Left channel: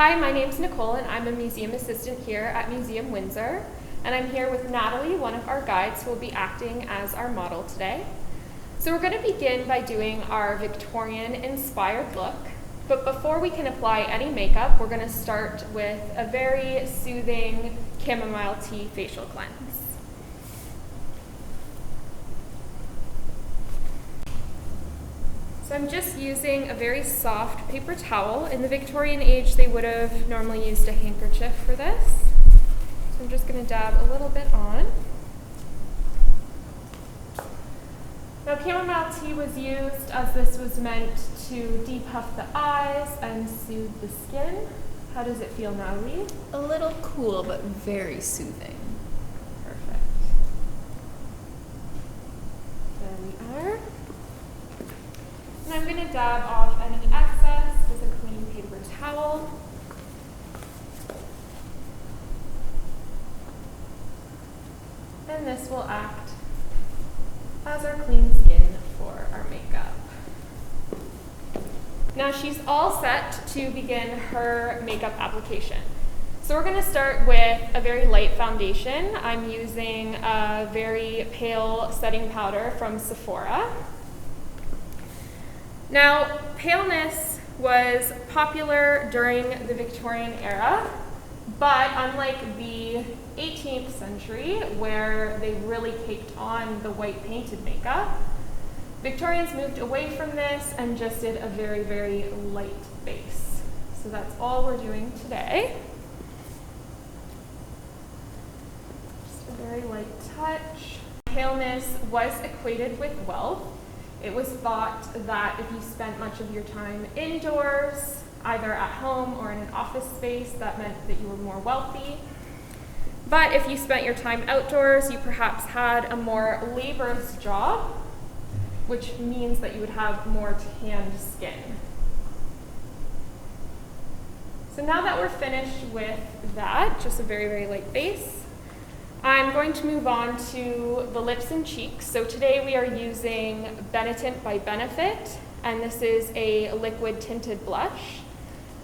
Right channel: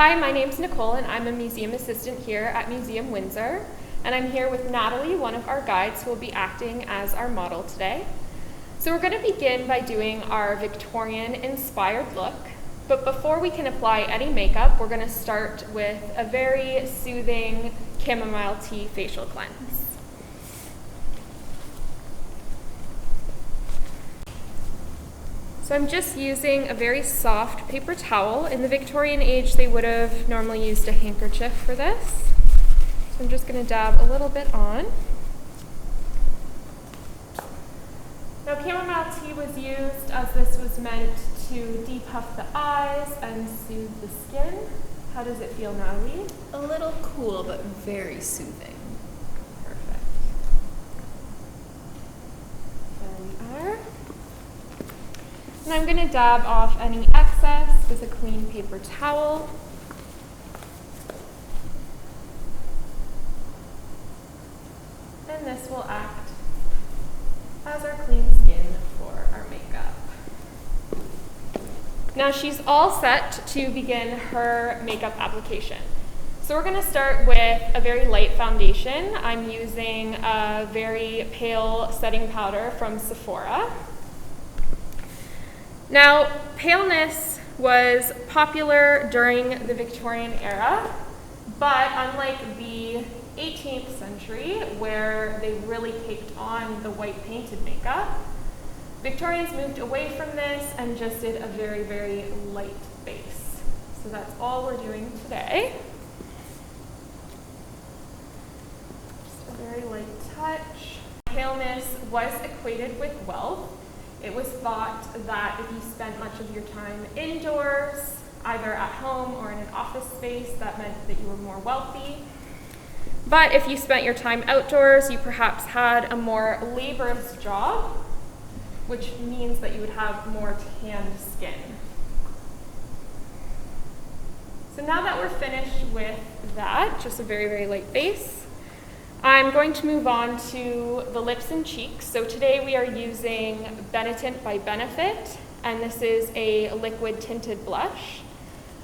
Hi, my name's Nicole and I'm a museum assistant here at Museum Windsor. And I'm here with Natalie, one of our guides who will be acting as our model today. So we're going to begin by doing our Victorian inspired look. But before we can apply any makeup, we're going to start with a very soothing chamomile tea facial cleanse. So I'm just using a very soft paper towel. In the Victorian age, they would have normally used a handkerchief for this. So I'm just going to dab a little bit on. Now, chamomile tea was used as this was meant to depuff the eyes and soothe the skin. How does it feel, Natalie? A little cool, but very soothing. Perfect. There we are. And I'm going to dab off any excess with a clean paper towel. And this will act as our clean skin for our makeup. Now she's all set to begin her makeup application. So we're going to start with a very light foundation. I'm using a very pale setting powder from Sephora. Now, paleness was popular during the Victorian era, but unlike the 18th century, where they really caked on the white painted makeup, Victorians moved away from this and just did a very, very light base. So that's all we're doing today. Just a very light touch. Paleness was equated with wealth. It was thought that if you spent much of your time indoors, either at home or in an office space, that meant that you were more wealthy. But if you spent your time outdoors, you perhaps had a more laborious job, which means that you would have more tanned skin. So now that we're finished with that, just a very, very light base, I'm going to move on to the lips and cheeks. So today we are using Benetint by Benefit, and this is a liquid tinted blush.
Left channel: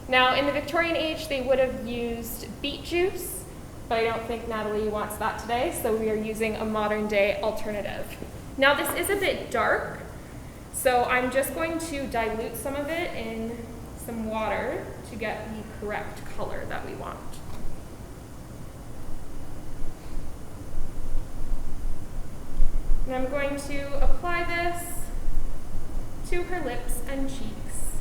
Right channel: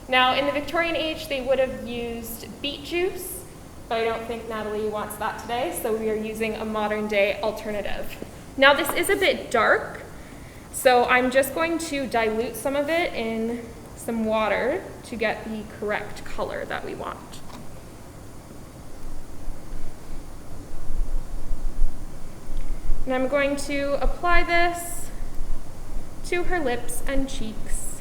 Now in the Victorian age, they would have used beet juice, but I don't think Natalie wants that today, so we are using a modern day alternative. Now this is a bit dark, so I'm just going to dilute some of it in some water to get the correct color that we want. And I'm going to apply this to her lips and cheeks.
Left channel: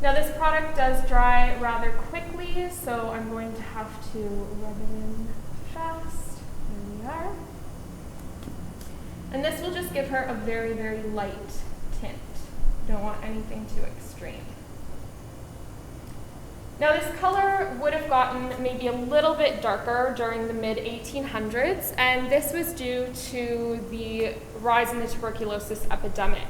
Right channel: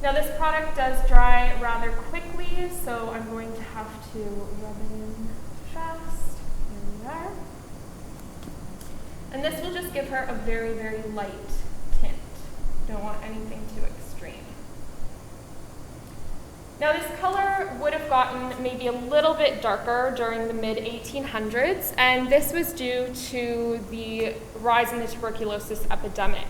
Now this product does dry rather quickly, so I'm going to have to rub it in fast. There we are. And this will just give her a very, very light tint. Don't want anything too extreme. Now this color would have gotten maybe a little bit darker during the mid-1800s, and this was due to the rise in the tuberculosis epidemic.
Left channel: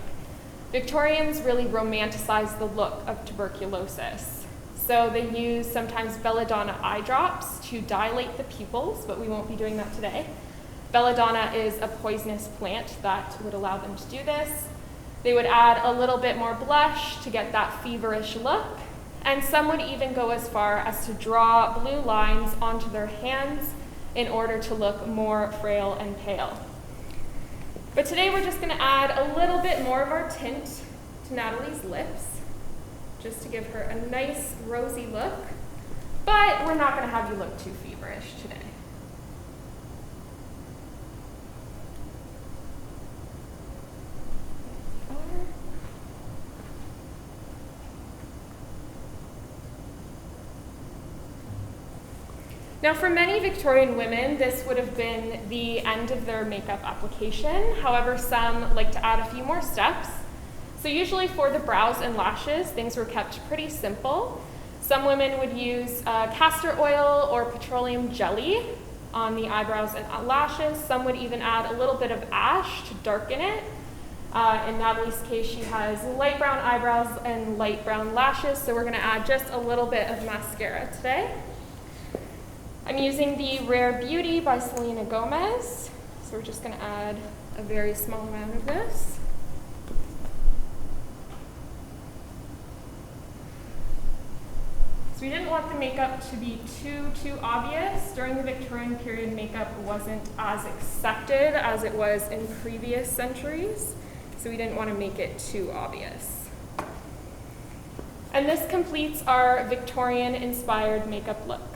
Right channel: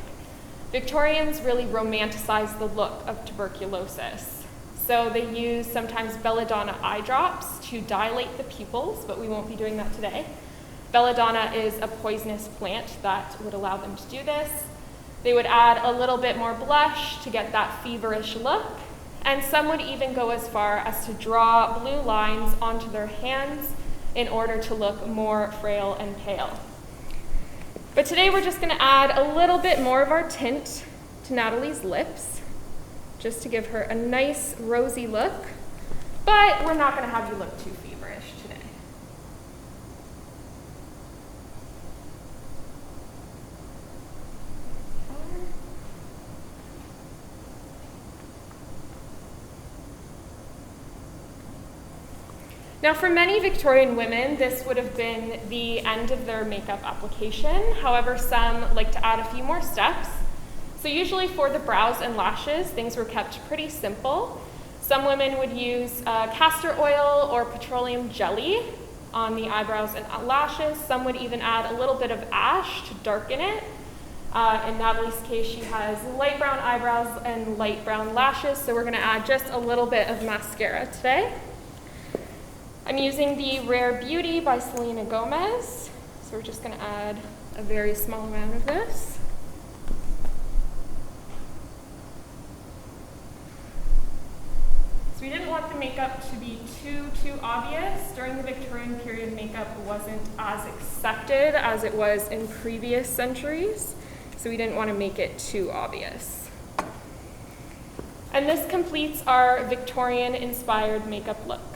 Victorians really romanticized the look of tuberculosis. So they used sometimes belladonna eye drops to dilate the pupils, but we won't be doing that today. Belladonna is a poisonous plant that would allow them to do this. They would add a little bit more blush to get that feverish look. And some would even go as far as to draw blue lines onto their hands in order to look more frail and pale. But today we're just going to add a little bit more of our tint to Natalie's lips, just to give her a nice rosy look. But we're not going to have you look too feverish today. Now for many Victorian women, this would have been the end of their makeup application. However, some like to add a few more steps. So usually for the brows and lashes, things were kept pretty simple. Some women would use castor oil or petroleum jelly on the eyebrows and lashes. Some would even add a little bit of ash to darken it. In Natalie's case, she has light brown eyebrows and light brown lashes, so we're going to add just a little bit of mascara today. I'm using the Rare Beauty by Selena Gomez, so we're just going to add a very small amount of this. we didn't want the makeup to be too obvious. During the Victorian period, makeup wasn't as accepted as it was in previous centuries, so we didn't want to make it too obvious. And this completes our Victorian-inspired makeup look.